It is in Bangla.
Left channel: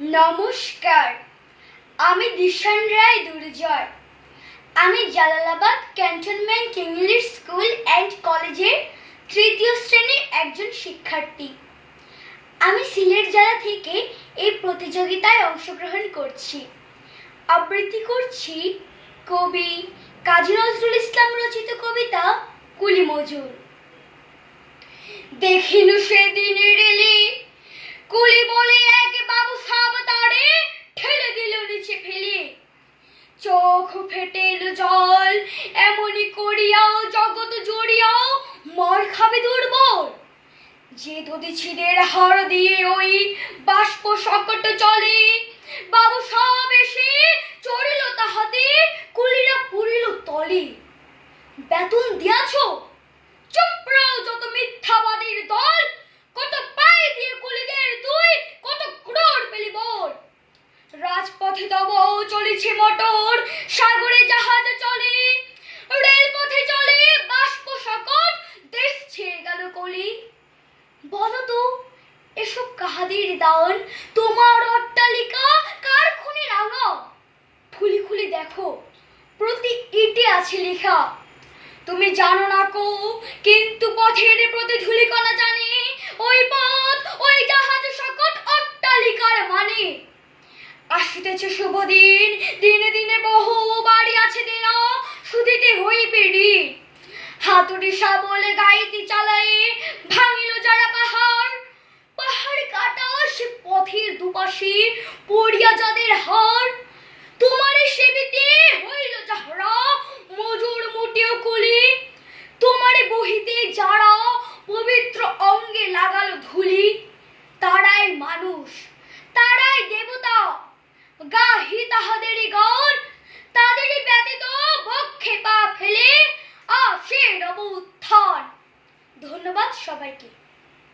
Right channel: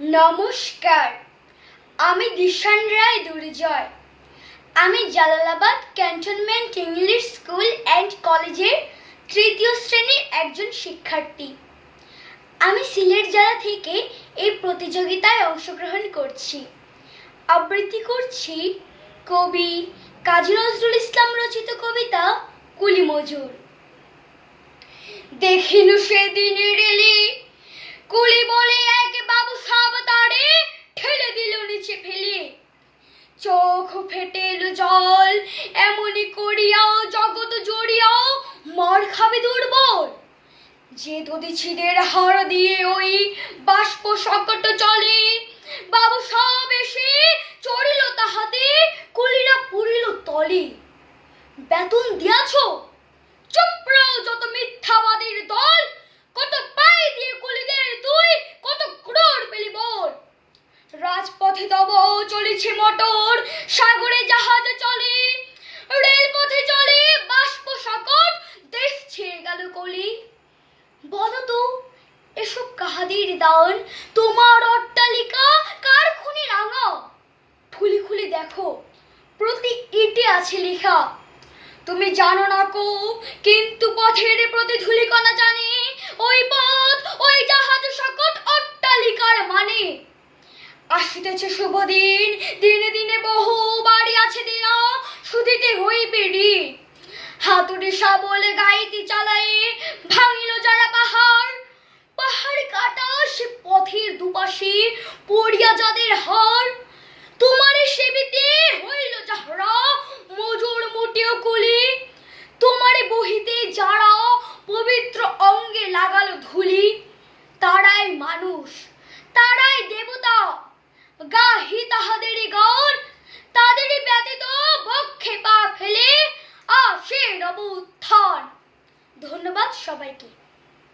নমস্কার। আমি দিশান রায় দুর্জয়। আমি Jalalabad cantonment English school and কলেজের তৃতীয় শ্রেণির একজন শিক্ষার্থী। আমি সিলেট জেলা থেকে এই প্রতিযোগিতায় অংশগ্রহণ করছি। আবৃত্তি করছি কবি কাজী নজরুল ইসলাম রচিত কবিতা কুলি মজুর দেখিনু সেদিনের এলি কুলি বলে এক বাবু সাব তারে ঠেলে দিল নিচে ফেলে চোখ ফেটে এলো জল। এমনি করিয়াও, জগৎ জড়িয়াও, মার খাবে দুর্বল। যে দদিছিদের হার দিয়ে ওই বাষ্প সকট চলে, বাবু সব এসে চড়িল তাহাতে, কুলিরা পুরিল তলে। বেতন দিয়াছো রাজপথে তব চলেছে মোটর, সাগরে জাহাজ চলে, রেলপথে চলে বাষ্প সকট, দেশ ছেয়ে গেল কলি। বলো তো, এসব কাহাদের দান তোমার অট্টালিকা কার খুনি রাঙা? খুলি খুলি দেখো, প্রতি ইটে আছে লেখা। তুমি জানো না কো, কিন্তু পথের প্রতি ধুলিকণা জানে ওই পথ ওই জাহাজ সকট অট্টালিকার মানে আসিতেছে শুভ দিন দিনে দিনে বহু বাড়ি আছে দেনা শুধিতে হইবে ঋণ হাতুড়ি বলে গাইতি চালাই ভাঙিল যারা পাহাড় পাহাড় কাটা সে পথের দুপাশে পড়িয়া যাদের হার। তোমারে সেবিতে হইল যাহারা, মজুর মুটিও কুলি। তোমারে বহিতে যারা পবিত্র অঙ্গে লাগালো ধুলি, তারাই মানুষ, তারাই দেবতা। গাহি তাহাদেরই গান তাদেরই ব্যতীত বক্ষে পা ফেলে আসে রব উত্থান ধন্যবাদ সবাইকে।